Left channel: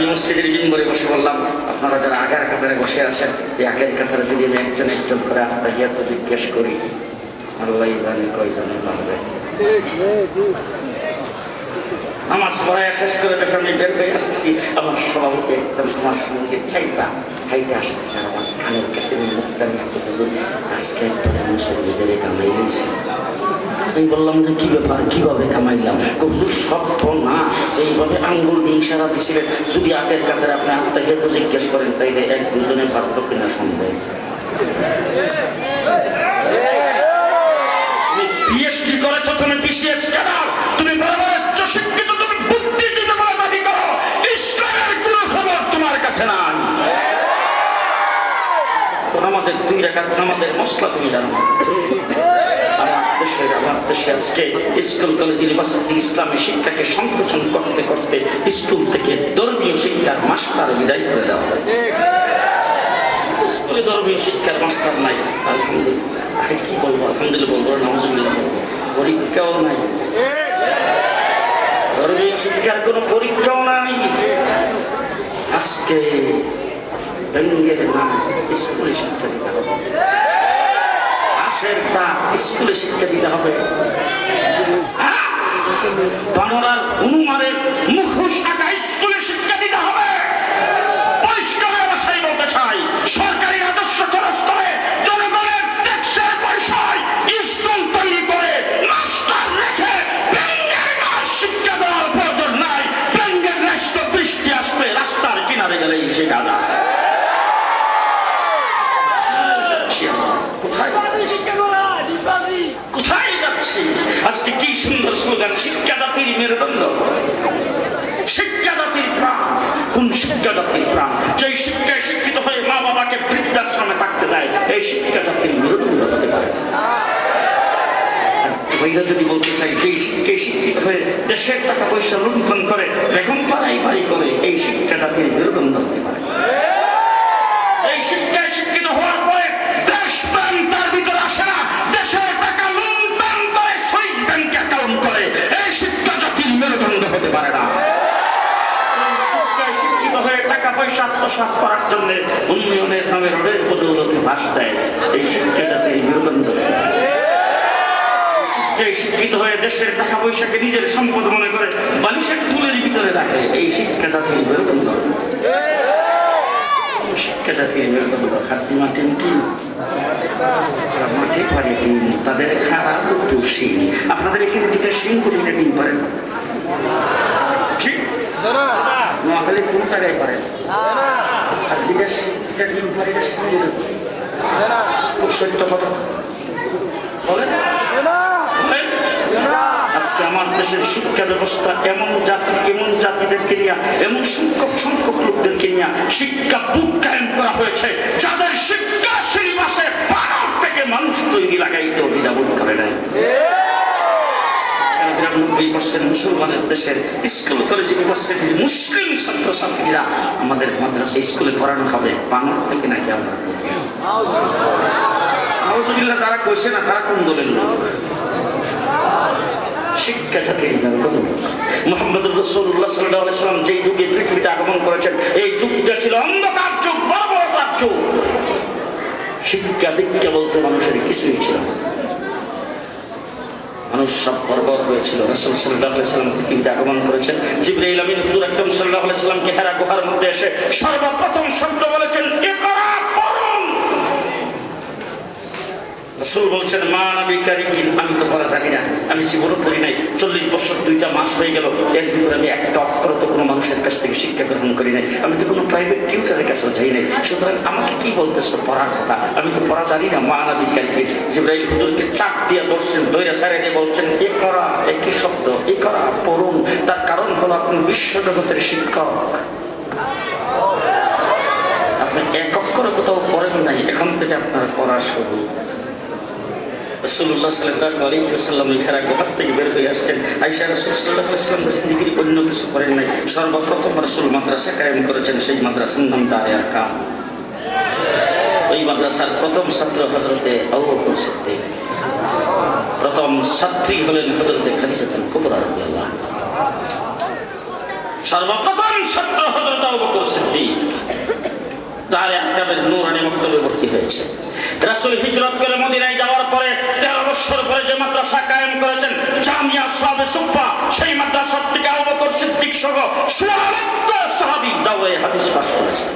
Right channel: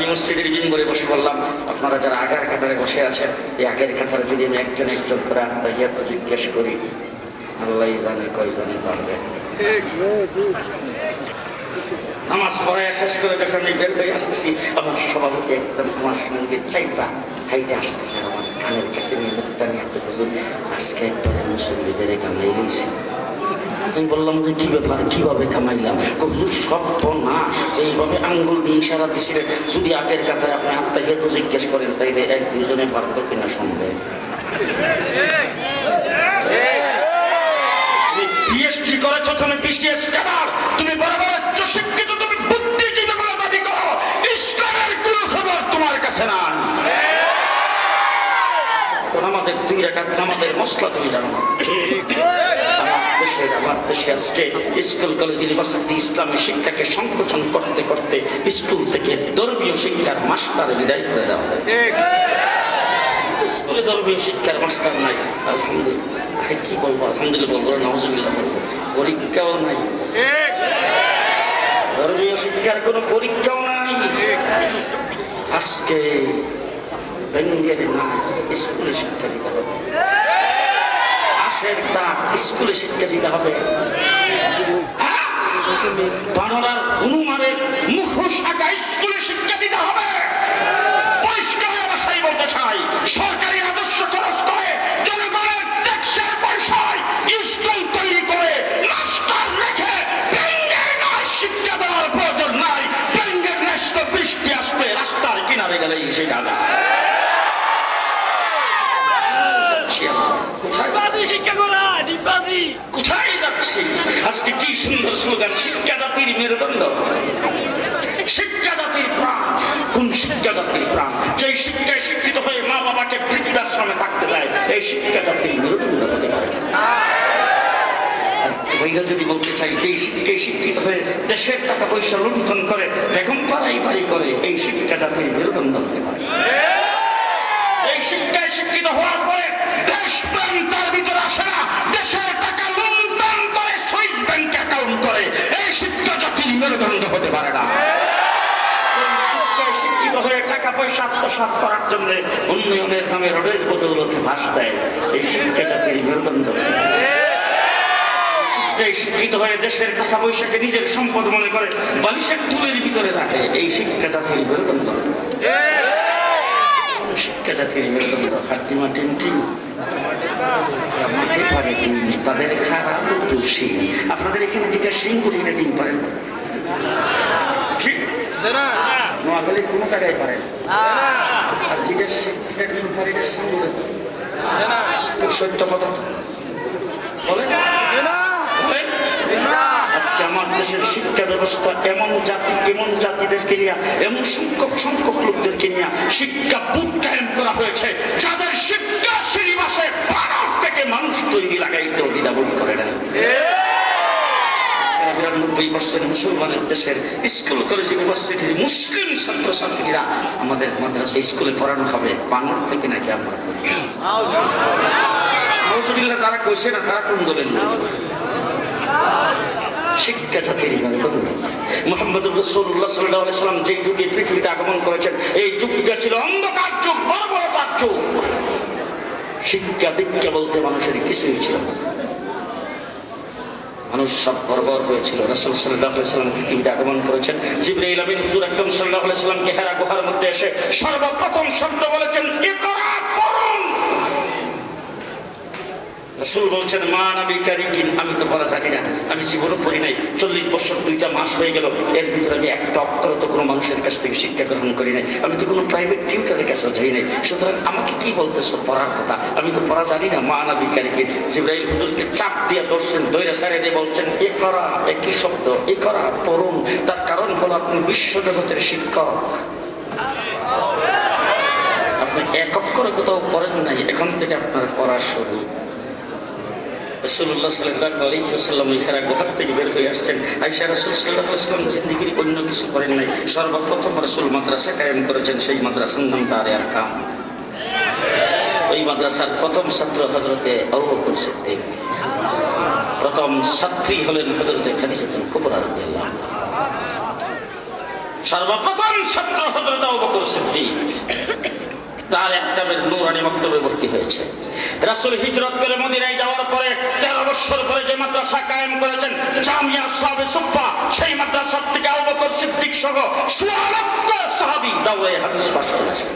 আমি মসজিদের মিম্বরে বসে বললাম, আপনারা যারা আগের কাতারে বসে আছেন, এই আগের কাতারে যদি আমি একজন একজন করে আত্মাহিয়াত জিজ্ঞেস করি, আল্লাহ জানি কয়জনে পারবে। নামাজ পড়ায় শেষ করে যখন আমি বের হয়ে আসছি, আমার সভাপতি একদম আমার সঙ্গে চাইবা হাইটে আসতেছে, আমার কানের কাছে মুখটা নিয়ে একটা বুঝুন, আজকে একটা মুসল্লিদের কামাই রয়েছে। আমি বললাম যে কি ব্যাপার, কিভাবে কামাইলাম? কোনো শব্দ না, যেইভাবে আঙ্গুল দিয়ে ইশারা দিছিলেন, যদি আগের কাতারে আপনি আত্মাহিয়াত জিজ্ঞেস করেন তাইলে এক দুজনে পারত কিনা সন্দেহ। তুমি পিএইচডি করেছো, তুমি বিসিএস ক্যাডার, তুমি বরাবর উচ্চশিক্ষিত, তুমি বুদ্ধিজীবী বলে দাবি করো, ইসলামের কোনো খবর তোমার কাছে নাই। নামাজের 2 রাকাত নামাজের মশলা তুমি জানো না। আমার দেশে আজকে স্কুল কলেজ ইউনিভার্সিটি ইসলামী শিক্ষাকে সংকোচন করতে করতে স্কুল থেকে ধর্মীয় শিক্ষার মাস্টার বিদায় করে দেওয়া হয়। স্কুলে ধর্মীয় শিক্ষার মাস্টার নাই। আলহামদুলিল্লাহ, কি বলবো, আলহামদুলিল্লাহ বলবো, নাউজুবিল্লাহ বলবো, পরীক্ষাও নাই, ধর্মীয় শিক্ষার কোনো পরীক্ষাও নাই। আজকে ব্যাঙ্গের নাচ স্কুলে শিক্ষা দিতে হবে, স্কুলে শিক্ষা দিতে হবে, বানরার হনুমানের মুখোশ আঁকা স্কুলে শিক্ষা দিতে হবে। পরিষ্কার ভাষায় বলতে চাই, সরকারি রাজস্ব খরচ করে জনগণের ট্যাক্সের পয়সায় স্কুল তৈরি করে মাস্টার রেখে ব্যাঙ্গের নাচ শিক্ষা দেওয়ার প্রয়োজন নাই। ব্যাঙ্গের নাচ তো বৃষ্টি আসবে, রাস্তার কিনারে গেলেই শেখা যায়। কোথায় যাচ্ছি? আজকে কি সুন্দর স্লোগান, শিক্ষা জাতির মেরুদণ্ড, শিক্ষা জাতির প্রাণ। কোন শিক্ষা জাতির প্রাণ? যে শিক্ষায় শিক্ষিত হয়ে মা বাবাকে বৃদ্ধাশ্রমে থাকতে দেয়, এই শিক্ষা জাতির মেরুদণ্ড হতে পারে। যদি বলতে চাই, যে শিক্ষায় শিক্ষিত হয়ে দেশের টাকা পয়সা লুণ্ঠন করে, এখন পাড়াই বাড়ি করে, এই শিক্ষা জাতির মেরুদণ্ড হতে পারে। এই শিক্ষায় শিক্ষিত হওয়ার পরে দেশপ্রেম তার ভিতরে আসে না, দেশের টাকা লুণ্ঠন করে সুইস ব্যাংকে অ্যাকাউন্ট করে, এই শিক্ষা জাতির মেরুদণ্ড হতে পারে না। শিক্ষায় শিক্ষিত হয়ে টাকা পয়সা আত্মসাৎ করার জন্য উন্নয়নের নামে রোডের বদৌলতে ভাস দেয়, এই শিক্ষা জাতির মেরুদণ্ড। শিক্ষায় শিক্ষিত হয়ে দেশের টাকা পয়সাকে নিজের সম্পদ মনে করে বালিশের তুলের ভিতরে রাখে, এই শিক্ষা জাতির মেরুদণ্ড। শিক্ষা জাতির মেরুদণ্ড। হাড্ডিমা টিম মাঠে পারে টিম, তাদের খারাপ দোষী। আপনাদের এখানে যেটা সিং করে টিম পারেন, নোয়াখালীর কোনো জায়গায় পারে, আর যেটা টিম পারে এটা সিং করে তোর সত্য কথা বলে। আজকে আমার দেশের শিক্ষা ব্যবস্থা এমন জাতিদেরকে নিয়ে, এমন সংখ্যক লোকদেরকে নিয়ে শিক্ষা বুট কায়েম করা হয়েছে, যাদের শিক্ষা সিলেবাসে ভারত থেকে মানুষ তৈরি লাগাইতে দ্বিধাবোধ করে নাই। 90% মুসলমানের দেশের স্কুল কলেজ ইউনিভার্সিটির মুসলিম ছাত্রছাত্রীরা আমাদের মাদ্রাসা স্কুলে পড়ানো হবে, বানর থেকে নাকি আমরা যারা কইছে না, তারা কোন দলের লোক? শিক্ষা জাতির মেরুদণ্ড। মুহাম্মদুর রাসূলুল্লাহ সাল্লাল্লাহু আলাইহি ওয়াসাল্লাম যে যুগে পৃথিবীতে আগমন করেছেন, এই যুগটা ছিল অন্ধকার যুগ, বর্বরতার যুগ। শিক্ষা দীক্ষা বলতে মানুষের কিছুই ছিল না, মানুষ সব বর্বর হয়েছিল। রাসূল সাল্লাল্লাহু আলাইহি ওয়াসাল্লাম পৃথিবীতে আগমন করেছেন, জিবরাইল আমিন হুজুর আকরাম সাল্লাল্লাহু আলাইহি ওয়াসাল্লামকে হেরা গুহার মধ্যে এসে সর্বপ্রথম শব্দ বলেছেন, ইকরা পড়ুন। রাসূল বলছেন, মা নবী কারিম, আমি তো পড়া জানি না, আমি জীবনে পড়ি নাই, 40 বছর 2টা মাস হয়ে গেল, এর ভিতরে আমি একটা অক্ষর তো কোনো মানুষের কাছ থেকে শিক্ষা গ্রহণ করি নাই, আমি তো কোনো প্রাইভেট টিউটারের কাছে যাই নাই, সুতরাং আমাকে কি বলতেছো পড়ার কথা? আমি তো পড়া জানি না। মা নবী কারিম জিবরাইল হুজুরকে চাপ দিয়ে বসছেন, দইরা সাইডে দিয়ে বলছেন, ইকরা, একই শব্দ, ইকরা পড়ুন। তার কারণ হলো আপনি বিশ্বজগতের শিক্ষক, আপনি এক অক্ষরে কোথাও পড়েন নাই, এখন থেকে আপনার পড়া শুরু। রাসূলুল্লাহ সাল্লাল্লাহু আলাইহি ওয়াসাল্লাম হেরা গুহা থেকে বের হয়ে আসছেন। আয়েশা রাসূল সাল্লাল্লাহু আলাইহি ওয়াসাল্লাম জিন্দেগির অন্য কিছু করেন নাই, সর্বপ্রথম রাসূল মাদ্রাসা কায়েম করেছেন, সেই মাদ্রাসার নাম দারে আরকাম। ওই মাদ্রাসার প্রথম ছাত্র হযরতে আবু বকর সিদ্দিক, প্রথম ছাত্রী হলেন হযরতে খাদিজাতুল কুবরা রাদিয়াল্লাহু আনহা। সর্বপ্রথম ছাত্র হযরত আবু বকর সিদ্দিক তার একটা নূরানি মক্তবে ভর্তি হয়েছে। রাসূল হিজরত করে মদিনায় যাওয়ার পরে 13 বছর পরে যে মাদ্রাসা কায়েম করেছেন জামিয়া আসহাবে সুফা, সেই মাদ্রাসা থেকে আবু বকর সিদ্দিক সহ 16 সাহাবী দাওরায়ে হাদিস পাশ করেছেন।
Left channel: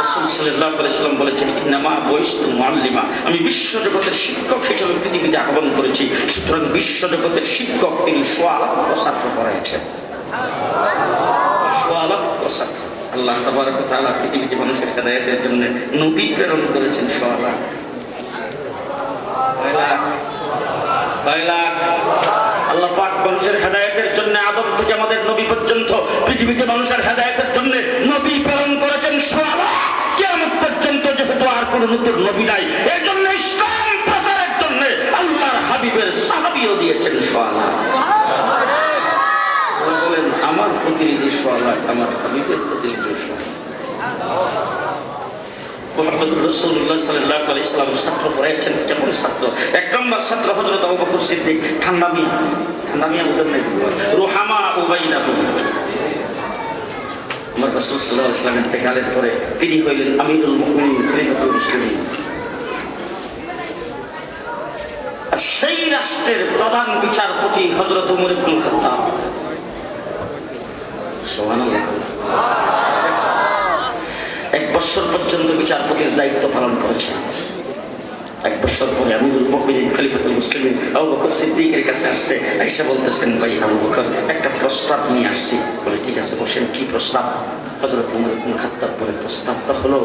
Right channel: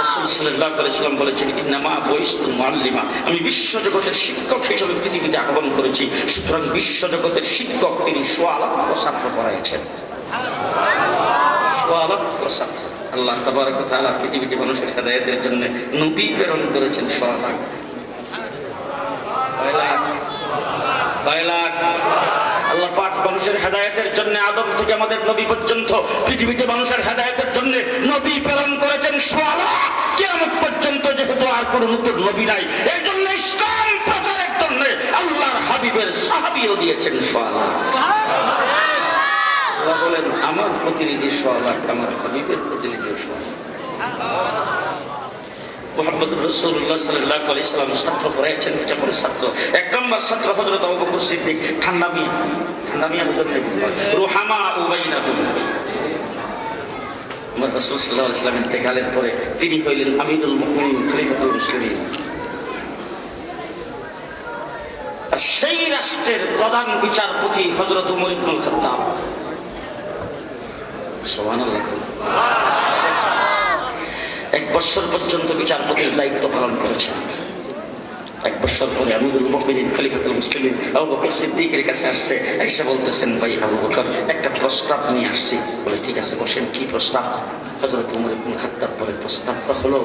রাসূল সাল্লাল্লাহু আলাইহি ওয়াসাল্লাম বলেছেন, ইন্নামা বুইসতু মুআল্লিমা, আমি বিশ্বজগতের শিক্ষক হিসেবে পৃথিবীতে আগমন করেছি। সুতরাং বিশ্বজগতের শিক্ষক তিনি 16 ছাত্র পড়াইছেন। 16 ছাত্র। আল্লাহ তাবারক ওয়া তাআলা পৃথিবীতে মানুষের হেদায়েতের জন্য নবী প্রেরণ করেছেন 16। আল্লাহ পাক মানুষের হেদায়েতের জন্য আদম থেকে আমাদের নবী পর্যন্ত পৃথিবীতে মানুষের হেদায়েতের জন্য নবী প্রেরণ করেছেন 16। কিয়ামত পর্যন্ত যেহেতু আর কোনো নতুন নবী নাই, এই জন্য ইসলাম প্রচারের জন্য আল্লাহর হাবিবের সাহাবীও দিয়েছেন 16। বলেন আমার প্রতিনিধি 16, আমার হাবিবের প্রতিনিধি 16। মুহাম্মদুর রাসূলুল্লাহ সাল্লাল্লাহু আলাইহি ওয়াসাল্লাম ছাত্র পড়াইছেন। যেমন ছাত্র 1 নম্বর ছাত্র হযরত আবু বকর সিদ্দিক, ঠান্ডা মিয়া বুঝেন না, রুহামা উবাইনাহুম। আমার রাসূল সাল্লাল্লাহু আলাইহি ওয়াসাল্লাম ইন্তেকালের পরে তিনি হইলেন আমিরুল মুমিনিন, খলিফাতুল মুসলিমিন। আর সেই রাষ্ট্রের প্রধান বিচারপতি হযরত ওমর ইবনুল খাত্তাব। সুবহানাল্লাহ। 1 বছর পর্যন্ত বিচারপতির দায়িত্ব পালন করেছেন। 1 বছর পরে আমিরুল মুমিনিন খলিফাতুল মুসলিমিন আবু বকর সিদ্দিকের কাছে আসছে, এসে বলতেছেন, ভাই আবু বকর একটা প্রস্তাব নিয়ে আসছি। বলে ঠিক আছে বসেন, কি প্রস্তাব? হযরত ওমর ইবনুল খাত্তাব বলে, প্রস্তাবটা হলো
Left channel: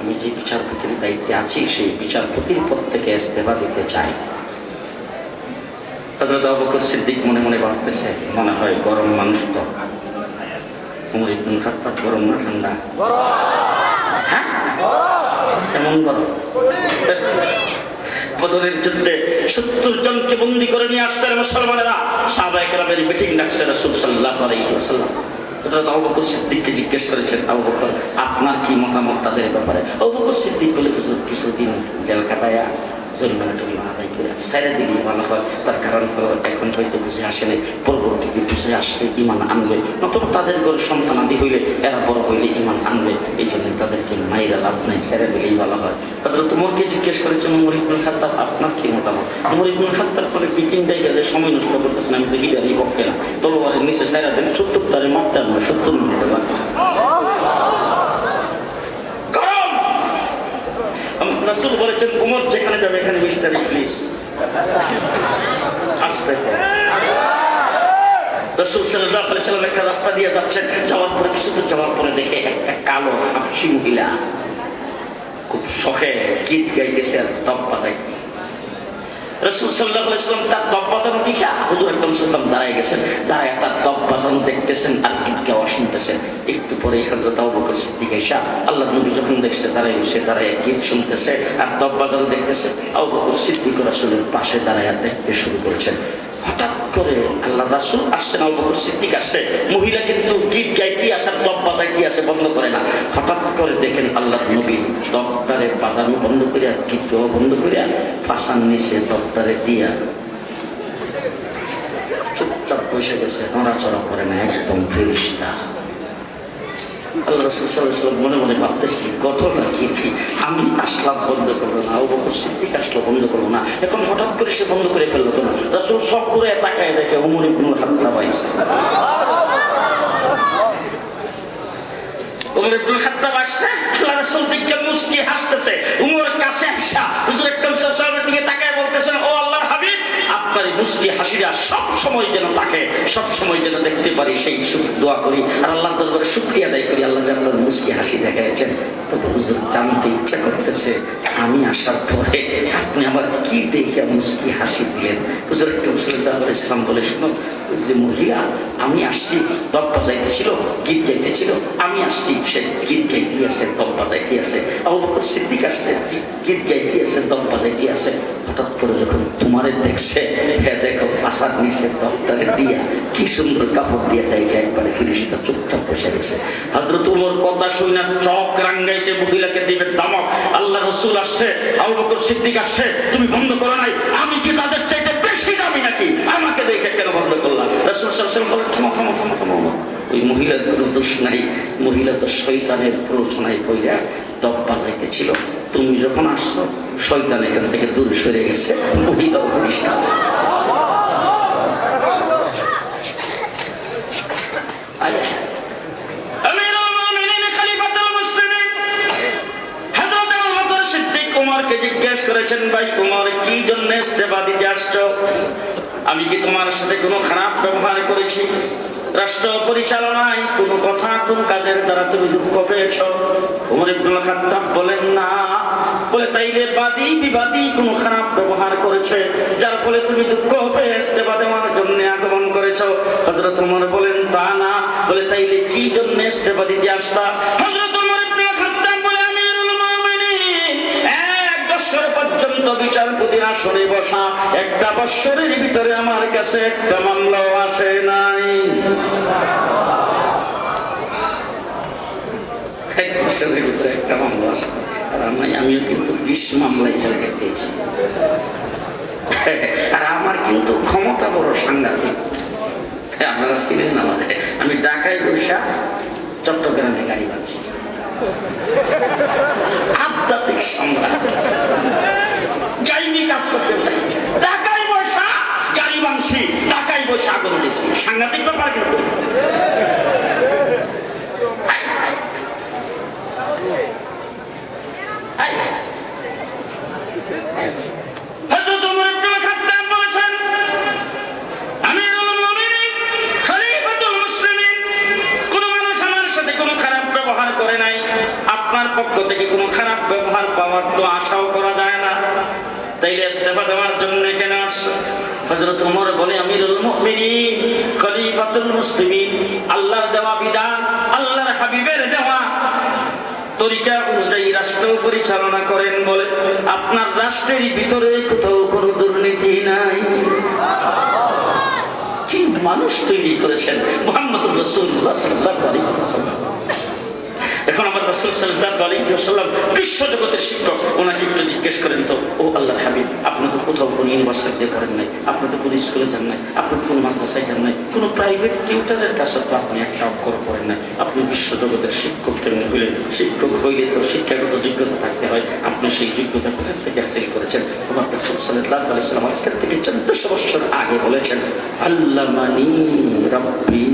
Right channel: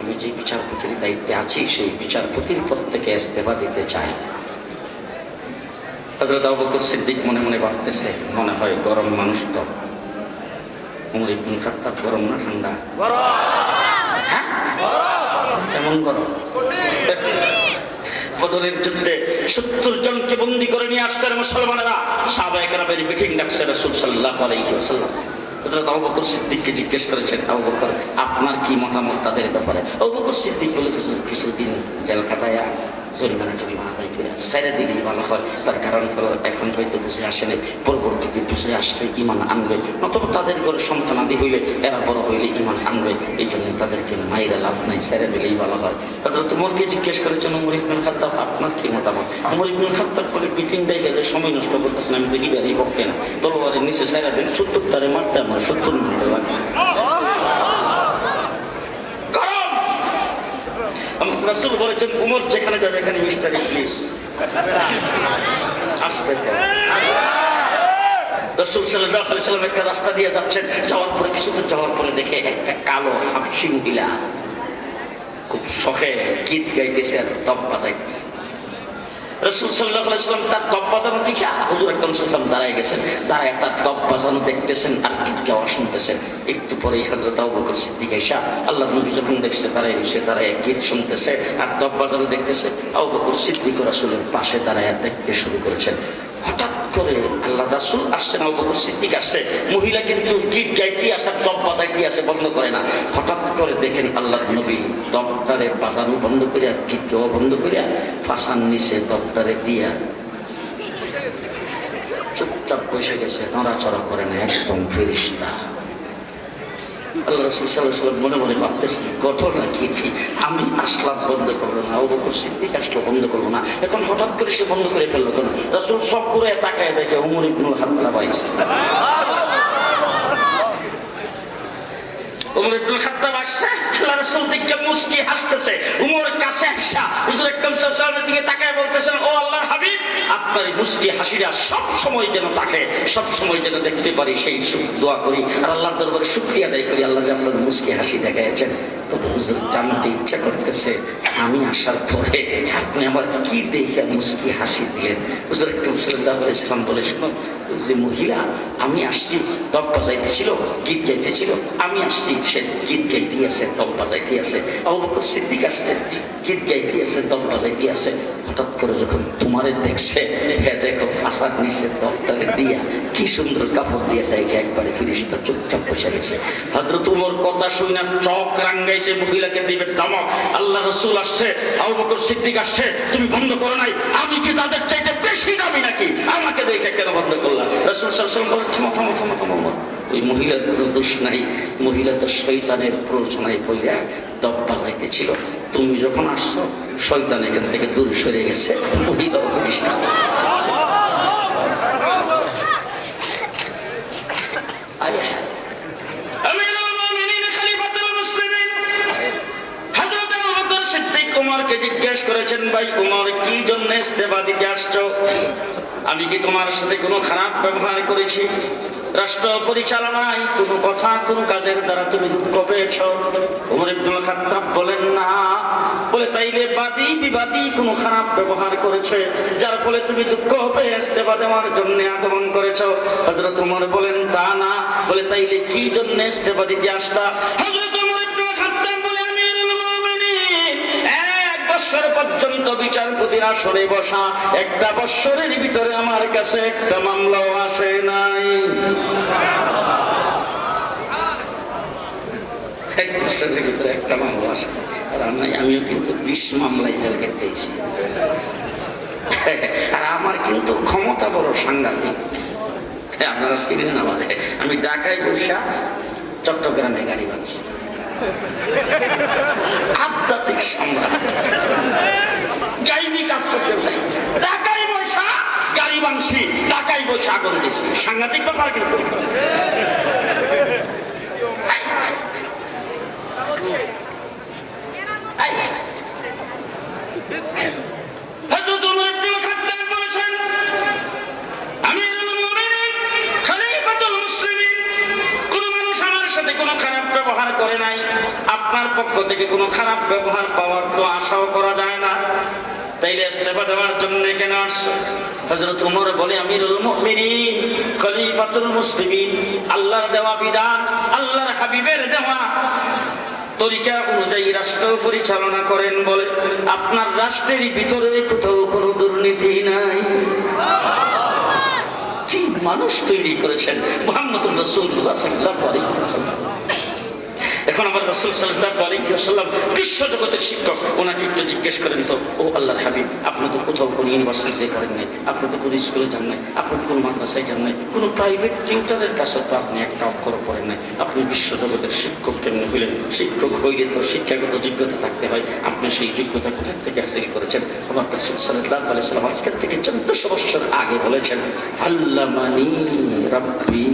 আমি যে বিচারপতির দায়িত্বে আছি সেই বিচারপতির পদ থেকে ইস্তেফা দিতে চাই। হযরত আবু বকর সিদ্দিক মনে মনে ভাবতেছে, মনে হয় গরম মানুষটা। ওমর ইবনুল খাত্তাব গরম না ঠান্ডা? হ্যাঁ, কেমন গরম? বদরের যুদ্ধে 70 জনকে বন্দী করে নিয়ে আসতেন মুসলমানেরা। সাহাবায়ে কেরামের মিটিং ডাকছে রাসূল সাল্লাল্লাহু আলাইহি ওয়াসাল্লাম। হযরত আবু বকর সিদ্দিককে জিজ্ঞেস করেছেন, আবু বকর আপনার কি মতামত তাদের ব্যাপারে? আবু বকর সিদ্দিক বলে, কিছুদিন জেল কাটায়া জরিমানা আদায় করে ছাইড়া দিলেই ভালো হয়। তার কারণ হলো এখন হয়তো বুঝে আসেনি, পরবর্তীতে বুঝে আসলে ইমান আনবে, নতুবা তাদের ঘরে সন্তান আদি হইলে এরা বড় হইলে ইমান আনবে। এই জন্য তাদেরকে মাইরা লাভ নাই, ছাইড়া দিলেই ভালো হয়। হযরত ওমরকে জিজ্ঞেস করেছেন, ওমর ইবনুল খাত্তাব আপনার কি মতামত? ওমর ইবনুল খাত্তাব বলে, মিটিংটাই গেছে, সময় নষ্ট করতেছেন, আমি তো হিডারই পক্ষে না। তলোয়ারের নিচে ছাইড়া দিন, 70 তারে মারতে আমার 70 মিনিটে লাগবে। রাসূল বলেছেন, ওমর যেখানে যাবে এখানে মিস্টারি প্লিজ আসতে। রাসূল সাল্লাল্লাহু আলাইহি ওয়াসাল্লাম একটা রাস্তা দিয়ে যাচ্ছেন, যাওয়ার পরে কিছু দূর যাওয়ার পরে দেখে একটা কালো হাবশী মহিলা খুব শখে গীত গাইতেছে আর তপ বাজাইতেছে। রাসূল সাল্লাল্লাহু আলাইহি ওয়াসাল্লাম তার তপ বাজানো দেখে হুজুর একদম সাল্লাল্লাহু দাঁড়ায় গেছেন, দাঁড়ায় তার তপ বাজানো দেখতেছেন আর গীত গাওয়া শুনতেছেন। একটু পরে হযরত আবু বকর সিদ্দিক এসে আল্লাহর নবী যখন দেখছে দাঁড়ায় বসে দাঁড়ায় গীত শুনতেছে আর তপ বাজানো দেখতেছে, আবু বকর সিদ্দিক রাসূলের পাশে দাঁড়ায় দেখতে শুরু করেছেন। হঠাৎ করে আল্লাহ রাসূল আসছেন, আবু বকর সিদ্দিক আসছে, মহিলা কিন্তু গীত গাইতে আসার তপ বাজাইতে আসে, বন্ধ করে না। হঠাৎ করে দেখেন আল্লাহর নবী তপটারে বাজানো বন্ধ করে গীত গাওয়া বন্ধ করে ফাঁসার নিচে তপটারে দিয়া চুপচাপ বসে গেছে, নড়াচড়া করে না, একদম ফেরেশতা। আল্লাহ রাসূল সাল্লাল্লাহু আলাইহি ওয়াসাল্লাম মনে মনে ভাবতেছি, ঘটনা কি? আমি আসলাম বন্ধ করলো না, আবু বকর সিদ্দিক আসলো বন্ধ করলো না, এখন হঠাৎ করে সে বন্ধ করে ফেললো কেন? রাসূল সব করে তাকায় দেখে ওমর ইবনুল খাত্তাব আইছে। ওমর ইবনুল খাত্তাব আসছে, আল্লাহ রাসূল দেখে মুস্কি হাসতেছে। ওমর কাছে আসা হুজুর একদম সাল্লাল্লাহু দিকে তাকায় বলতেছেন, ও আল্লাহর হাবিব, আপনার মুস্কি হাসিটা সব সময় যেন থাকে, সব সময় যেন দেখতে পারি, সেই দোয়া করি আর আল্লাহর দরবারে শুকরিয়া আদায় করি আল্লাহ যে আপনার মুস্কি হাসি দেখাইছেন। তবে হুজুর জানতে ইচ্ছা করতেছে, আমি আসার পরে আপনি আমার কি দেখে মুস্কি হাসি দিলেন? হুজুর একদম সাল্লাল্লাহু আলাইহি ওয়াসাল্লাম বলে, শোনো, যে মহিলা আমি আসছি তপ বাজাইতেছিল, গীত গাইতেছিল, আমি আসছি সে গীত গাইতে আছে, তপ বাজাইতে আছে। আবু বকর সিদ্দিক আসছে, গীত গাইতে আছে, তপ বাজাইতে আছে। হঠাৎ করে যখন তোমারে দেখছে, হ্যাঁ দেখো ফাঁসার নিচে তপটারে দিয়া কি সুন্দর কাপড় দিয়ে দেখে একবারে ফেরেশতা চুপচাপ বসে গেছে। হযরত ওমর কথা শুনে চোখ রাঙ্গাইছে, মহিলাকে দিবে ধমক। আল্লাহ রাসূল আসছে, আবু বকর সিদ্দিক আসছে, তুমি বন্ধ করো নাই, আমি কি তাদের চাইতে বেশি দামি নাকি? আমাকে দেখে কেন বন্ধ করলাম? রাসূল সাল্লাল্লাহু আলাইহি ওয়াসাল্লাম বলেন, থামো থামো থামো থামো। ওই মহিলার কোনো দোষ নাই, মহিলা তো শয়তানের প্ররোচনায় পড়িয়া দপ বাজাইতেছিল। তুমি যখন আসছো শয়তান এখান থেকে দূরে সরে গেছে, মহিলাও পরিষ্কার। উমরকে জিজ্ঞেস করেছেন, ভাই উমর কি জন্য ইস্তেফা দিতে আসছো? আমি কি তোমার সাথে কোনো খারাপ ব্যবহার করেছি? রাষ্ট্র পরিচালনায় কোনো কথা কোন কাজের দ্বারা তুমি দুঃখ পেয়েছ? উমর ইবনুল খাত্তাব বলেন না। বলে তাইলে বাদী বিবাদী কোনো খারাপ ব্যবহার করেছে যার ফলে তুমি দুঃখ পেয়ে ইস্তেফা দেওয়ার জন্য আগমন করেছো? হযরত উমর বলেন তা না। বলে তাইলে কি জন্য ইস্তেফা দিতে আসতা? হযরত উমর ইবনুল খাত্তাব বলে, আমিরুল মুমিনিন, 1 বছর পর্যন্ত বিচারপতির আসনে বসা, 1টা বছরের ভিতরে আমার কাছে একটা মামলাও আসে নাই। 1 বছরের ভিতরে একটা মামলা আসে। আর আমিও কিন্তু 20 মামলায় জেল খেটেছি। আর আমার কিন্তু ক্ষমতা বড় সাংঘাতিক। আপনারা চিনেন আমাদের, আমি ঢাকায় বৈশা চট্টগ্রামে গাড়ি বাঁধছি। আধ্যাত্মিক সম্রাট, গাইনি কাজ করতে নাই। ঢাকায় বসা গাড়ি বাঁধছি, ঢাকায় বসে আগুন দিছি। সাংঘাতিক ব্যাপার কিন্তু। করে নাই, আপনার পক্ষ থেকে কোনো খারাপ ব্যবহার পাওয়ার তো আশাও করা যায় না, তাইলে ইস্তেফা দেওয়ার জন্য কেন আসছো? হযরত ওমর বলে, আমিরুল মুমিনিন, খলিফাতুল মুসলিমিন, আল্লাহর দেওয়া বিধান, আল্লাহর হাবিবের দেওয়া তরিকা অনুযায়ী রাষ্ট্র পরিচালনা করেন বলে আপনার রাষ্ট্রের ভিতরে কোথাও কোনো দুর্নীতি নাই। কি মানুষ তৈরি করেছেন মুহাম্মদুর রাসূলুল্লাহ সাল্লাল্লাহু আলাইহি ওয়াসাল্লাম। এখন আমার রাসূল সাল্লাল্লাহু আলাইহি ওয়াসাল্লাম বিশ্ব জগতের শিক্ষক, ওনাকে একটু জিজ্ঞেস করেন তো, ও আল্লাহর হাবিব, আপনি তো কোথাও কোনো ইউনিভার্সিটিতে করেন নাই, আপনি তো কোনো স্কুলে যান নাই, আপনি তো কোনো মাদ্রাসায় যান নাই, কোনো প্রাইভেট টিউটরের কাছে তো আপনি একটা অক্ষর পড়েন নাই, আপনি বিশ্ব জগতের শিক্ষক কেমন হইলেন? শিক্ষক হইলে তো শিক্ষাগত যোগ্যতা থাকতে হয়, আপনি সেই যোগ্যতা কোথা থেকে হাসিল করেছেন? আমার রাসূল সাল্লাল্লাহু আলাইহি ওয়াসাল্লাম আজকের থেকে 1400 বছর আগে বলেছেন, আল্লামানি রাব্বি,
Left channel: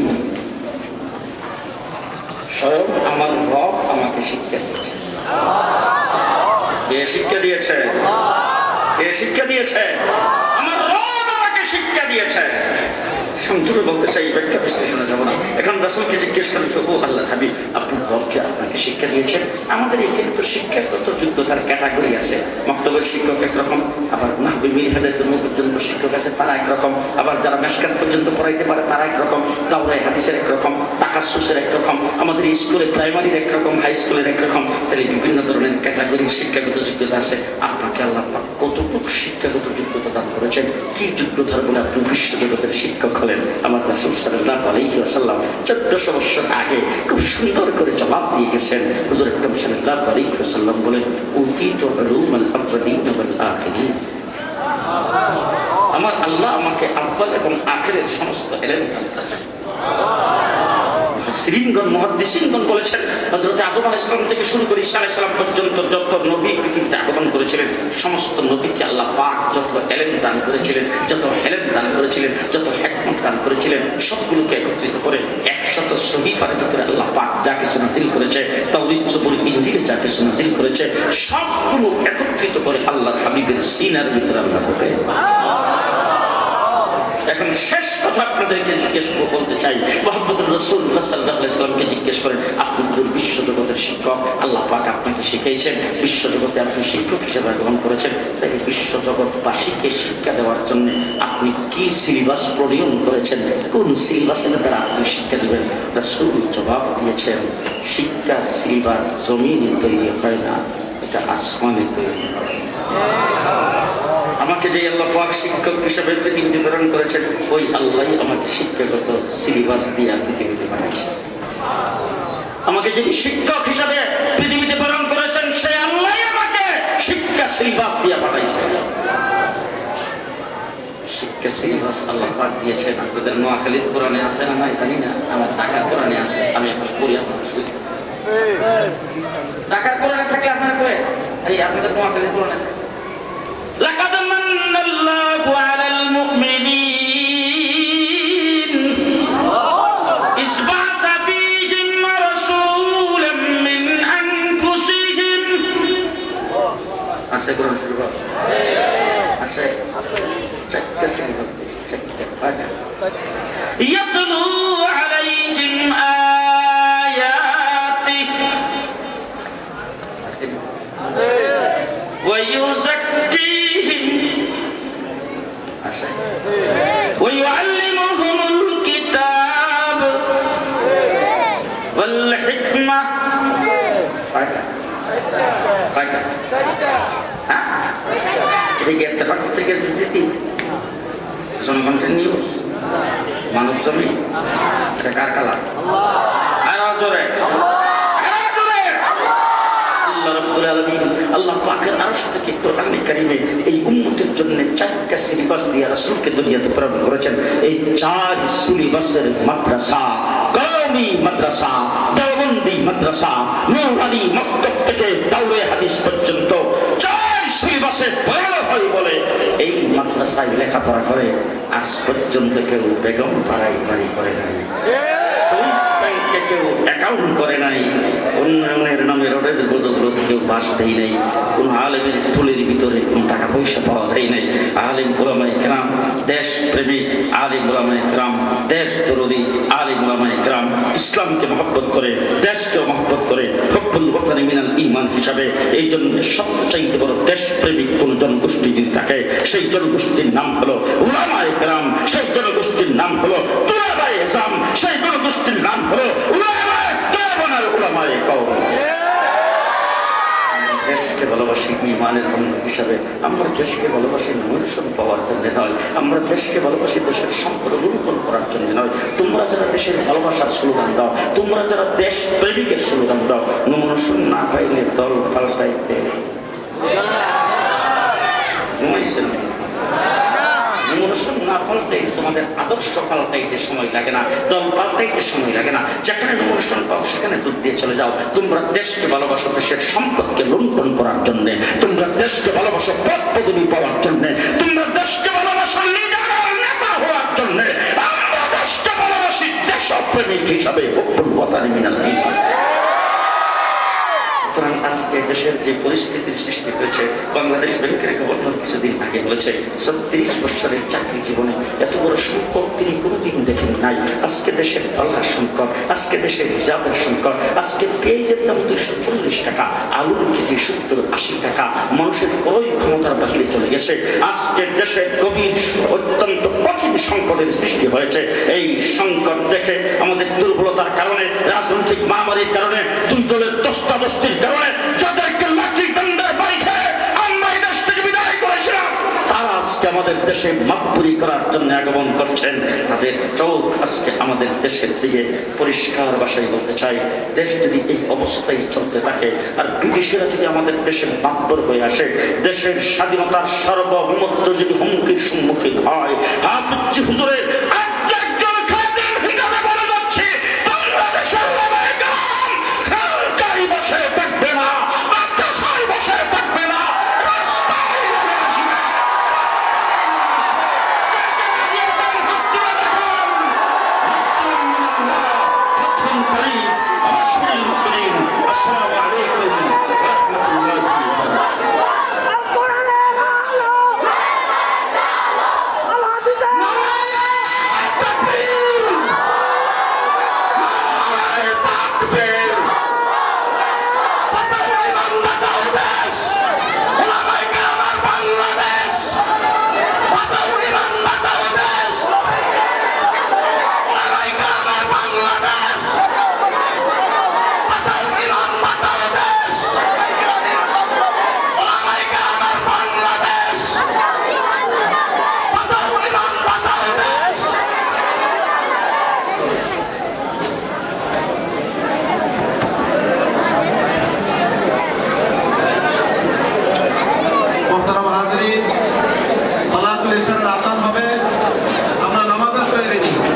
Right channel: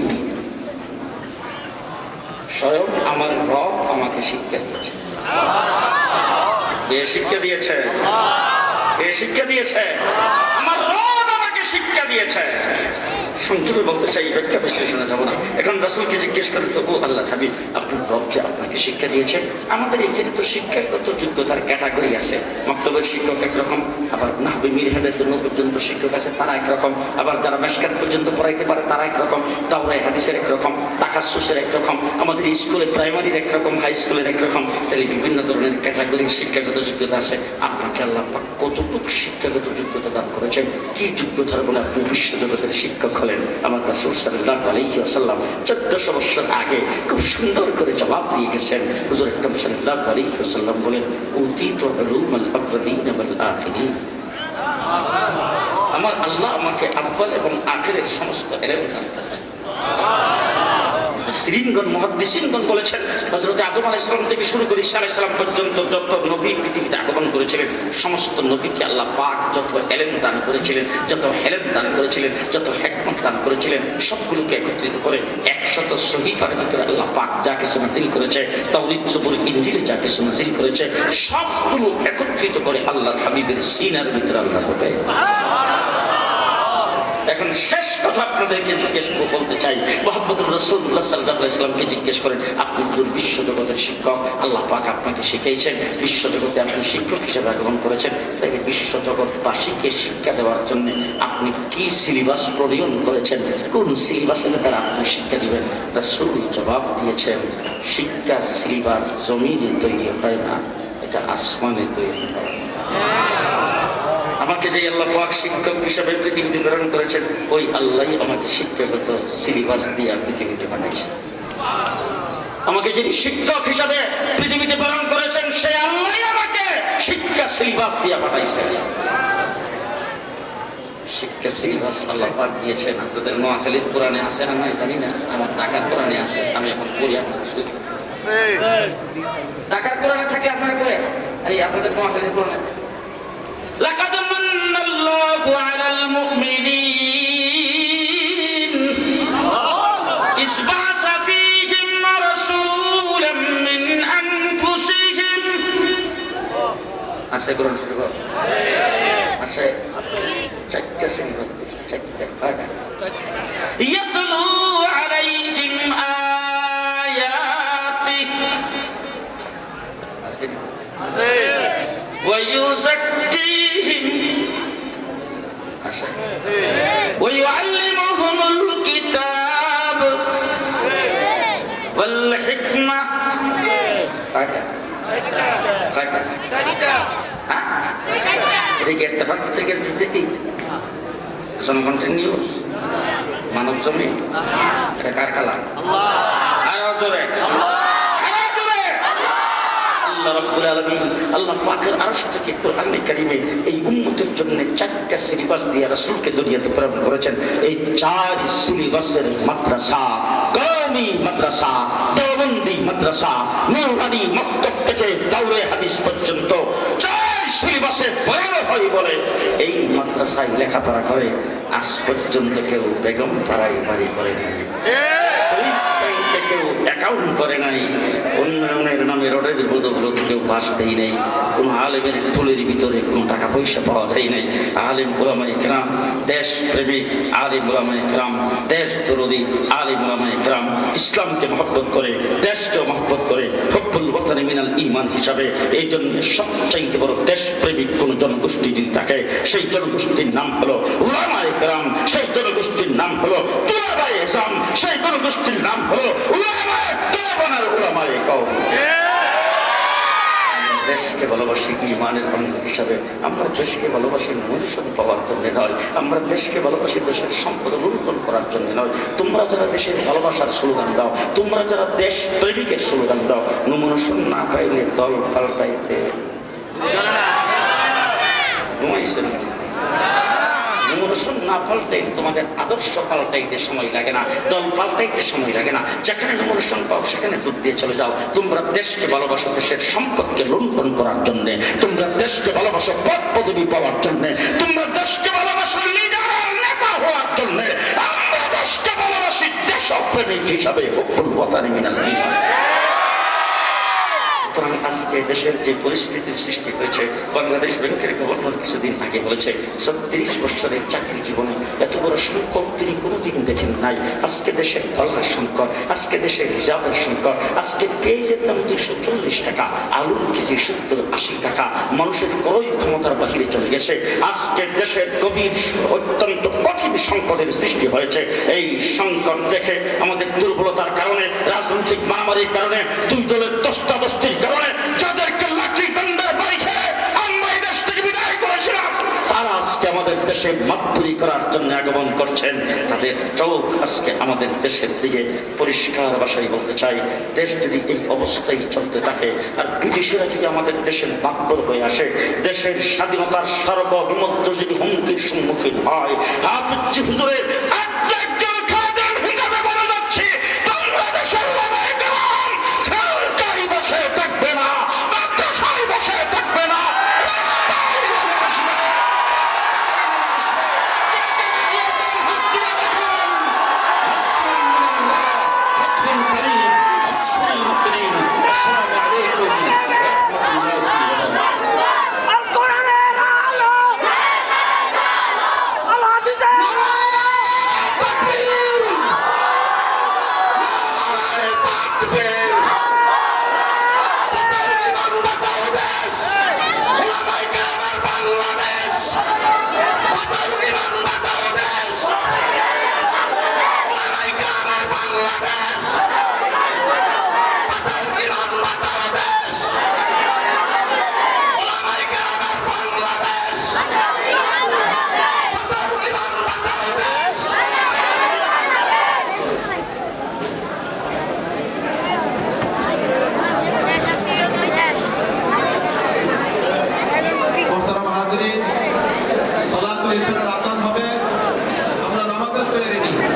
স্বয়ং আমার রব আমাকে শিক্ষা দিয়েছে। এ শিক্ষা দিয়েছে, এ শিক্ষা দিয়েছে, আমার রব আমাকে শিক্ষা দিয়েছে। সংক্ষেপে বলতে চাই, ব্যাখ্যা বিশ্লেষণে যাবো না। এখন রাসূলকে জিজ্ঞেস করেন তো, ও আল্লাহর হাবিব, আপনার রব যে আপনাকে শিক্ষা দিয়েছেন? আমাদের এখানে তো শিক্ষাগত যোগ্যতার ক্যাটাগরি আছে। মক্তবের শিক্ষক একরকম, আবার নাহবি মিরহাদের জন্য পর্যন্ত শিক্ষক আছে, তারা একরকম, আবার যারা মেশকাত পর্যন্ত পড়াইতে পারে তারা একরকম, দাওরায়ে হাদিসের একরকম, তাকাসসুসের একরকম, আমাদের স্কুলে প্রাইমারির একরকম, হাই স্কুলের একরকম। তাহলে বিভিন্ন ধরনের ক্যাটাগরির শিক্ষাগত যোগ্যতা আছে। আপনাকে আল্লাহ পাক কতটুকু শিক্ষাগত যোগ্যতা দান করেছেন? কি যোগ্যতার বলে আপনি বিশ্বজগতের শিক্ষক হলেন? আমার রাসূল সাল্লাল্লাহু আলাইহি ওয়াসাল্লাম 1400 বছর আগে খুব সুন্দর করে জবাব দিয়ে গেছেন। হুজুর আকরাম সাল্লাল্লাহু আলাইহি ওয়াসাল্লাম বলেন, উতীতু উলুমাল আউয়ালিন ওয়াল আখিরিন, আমার আল্লাহ আমাকে আউয়াল এবং আখিরের সমস্ত ইলম দান করেছেন। মুফাসসিরিনগণ, মুহাদ্দিসিনগণ বলেছেন, হযরত আদম আলাইহিস সালাম থেকে শুরু করে ঈসা আলাইহিস সালাম পর্যন্ত যত নবী পৃথিবীতে আগমন করেছিলেন, সমস্ত নবীকে আল্লাহ পাক যত ইলম দান করেছিলেন, যত ইলম দান করেছিলেন, যত হিকমত দান করেছিলেন, সবগুলোকে একত্রিত করে 100 সহিফার ভিতরে আল্লাহ পাক যা কিছু নাযিল করেছে, তাওরীত, জবুর, ইনজিলে যা কিছু নাযিল করেছে, সবগুলো একত্রিত করে আল্লাহর হাবিবের সিনার ভিতরে আল্লাহ ঢোকায়। এখন শেষ কথা আপনাদেরকে জিজ্ঞেস বলতে চাই, মুহাম্মদুর রাসূলুল্লাহ সাল্লাল্লাহু আলাইহি ওয়াসাল্লামকে জিজ্ঞেস করেন, আপনি তো বিশ্ব জগতের শিক্ষক, আল্লাহ পাক আপনাকে শিখিয়েছেন, বিশ্ব জগতে আপনি শিক্ষক হিসেবে আগমন করেছেন, তাই বিশ্ব জগৎবাসীকে শিক্ষা দেওয়ার জন্য আপনি কি সিলেবাস প্রণয়ন করেছেন? কোন সিলেবাসের দ্বারা আপনি শিক্ষা দিবেন? রাসূল জবাব দিয়েছেন, শিক্ষা সিলেবাস জমিনে তৈরি হয় না, এটা আসমানে তৈরি হয়। আমাকে যে আল্লাহ পাক শিক্ষক হিসেবে পৃথিবীতে প্রেরণ করেছেন, ওই আল্লাহই আমাকে শিক্ষাগত সিলেবাস দিয়ে পৃথিবীতে পাঠাইছে। আমাকে যিনি শিক্ষক হিসাবে পৃথিবীতে প্রেরণ করেছেন, সেই আল্লাহই আমাকে শিক্ষা সিলেবাস দিয়ে পাঠাইছে। সিলেবাস আল্লাহ পাক দিয়েছেন। আপনাদের নোয়াখালীর কোরআনে আছে না নাই জানি না, আমার ঢাকার কোরআনে আছে। আমি এখন পড়ি, আপনার ঢাকার কোরআনে থাকলে আপনার করে এই আপনাদের নোয়াখালীর কোরআনে লাকাদ মান্নাল্লাহু আলাল মুমিনিন ইয বা'সা ফীহিম রাসূলাম মিন আনফুসিহিম। আছে কোরআন শরীফ আছে চারটা সিলেবাস দিয়েছে, চারটা পাঠা ইয়াতলু আলাইহিম আয়াতি আছে ওয়া ইউযাক্কিহিম আছে ওয়া ইউআল্লিমুহুমুল কিতাব ওয়াল হিকমা। পাঠা পাঠা এদিকে ইত্তেফাক থেকে বিবৃতি জনগণের নিউজ মানব জমি এটা কার কালা আরো জোরে আল্লাহ রাব্বুল আলামিন আল্লাহ পাকের আরশ থেকে কোরআনে কারীমে এই উম্মতের জন্য চারটা সিলেবাস দিয়ে রাসূলকে দুনিয়াতে প্রেরণ করেছেন। এই চার সিলেবাসের মাদ্রাসা কওমি মাদ্রাসা, দেওবন্দি মাদ্রাসা, নূরানী মক্তব থেকে দাওরে হাদিস পর্যন্ত সিলেবাসে বয়ান হয় বলে এই মাদ্রাসায় লেখাপড়া করে আজ পর্যন্ত কেউ বেগম পাড়ায় বাড়ি করে নাই, কেউ অ্যাকাউন্ট করে নাই, উন্নয়নের নামে রোডের বদৌলতে কেউ বাস দেয় নাই, কোন আলেমের ফুলের ভিতরে কোনো টাকা পয়সা পাওয়া যায় নাই। আলেম ওলামায়ে কেরাম দেশ প্রেমিক, আলেম ওলামায়ে কেরাম দেশ দরদি, আলেম ওলামায়ে কেরাম ইসলামকে মহব্বত করে, দেশকে মহব্বত করে, হুব্বুল ওয়াতানি মিনাল ঈমান হিসাবে। এই জন্য সবচাইতে বড় দেশপ্রেমিক কোন জনগোষ্ঠী যদি থাকে সেই জনগোষ্ঠীর নাম হলো উলামায়ে কেরাম, সেই জনগোষ্ঠীর নাম হলো তুলাবায়ে ইসলাম, সেই জনগোষ্ঠীর নাম হলো উলামায়ে দেওবন্দের উলামায়ে কওম। দেশকে ভালোবাসি ঈমানের অঙ্গ হিসাবে, আমরা দেশকে ভালোবাসি মনুষ্য পাওয়ার জন্য নয়, আমরা দেশকে ভালোবাসি দেশের সম্পদ লুণ্ঠন করার জন্য নয়। তোমরা যারা দেশের ভালোবাসার স্লোগান দাও, তোমরা যারা দেশ প্রেমিকের স্লোগান দাও, মনুষ্য না পাইলে দল পাল্টাইতে ঘুমাইছেন। না পাল্টাই তোমাদের আদর্শ পাল্টাইতে সময় লাগে না, দল পাল্টাইতে সময় লাগে না। যেখানে অনুষ্ঠান পাও সেখানে দুধ দিয়ে চলে যাও। তোমরা দেশকে ভালোবাসো দেশের সম্পদকে লুণ্ঠন করার জন্য, তোমরা দেশকে ভালোবাসো পদ পদবি পাওয়ার জন্য, তোমরা দেশকে ভালোবাসো লিডার নেতা হওয়ার জন্য। আমরা দেশকে ভালোবাসি দেশপ্রেমিক হিসাবে। হুব্বুল ওয়াতানি মিনাল ঈমান। সুতরাং আজকে দেশের যে পরিস্থিতির সৃষ্টি হয়েছে, বাংলাদেশ ব্যাংকের গভর্নর কিছুদিন আগে বলেছে 36 বছরের চাকরি জীবনে এত বড় সংকট তিনি কোনোদিন দেখেন নাই। আজকে দেশের ডলার সংকট, আজকে দেশের রিজার্ভের সংকট, আজকে পেঁয়াজের দাম 240 টাকা, আলুর কেজি 70-80 টাকা, মানুষের ক্রয় ক্ষমতার বাহিরে চলে গেছে। আজকে দেশে গভীর অত্যন্ত কঠিন সংকটের সৃষ্টি হয়েছে। এই সংকট দেখে আমাদের দুর্বলতার কারণে, রাজনৈতিক মারামারির কারণে, দুই দলের দস্তাদস্তির কারণে যাদেরকে লাঠি দণ্ডের বাড়ি খেয়ে আমরা এই দেশ থেকে বিদায় করেছিলাম, তারা আজকে আমাদের দেশে মাতবুরি করার জন্য আগমন করছেন। তাদের চোখ আজকে আমাদের দেশের দিকে। পরিষ্কার ভাষায় বলতে চাই, দেশ যদি এই অবস্থায় চলতে থাকে আর বিদেশিরা যদি আমাদের দেশের মাতবর হয়ে আসে, দেশের স্বাধীনতার সার্বভৌমত্ব যদি হুমকির সম্মুখীন হয়, হাফিজ হুজুরের Bangladesh!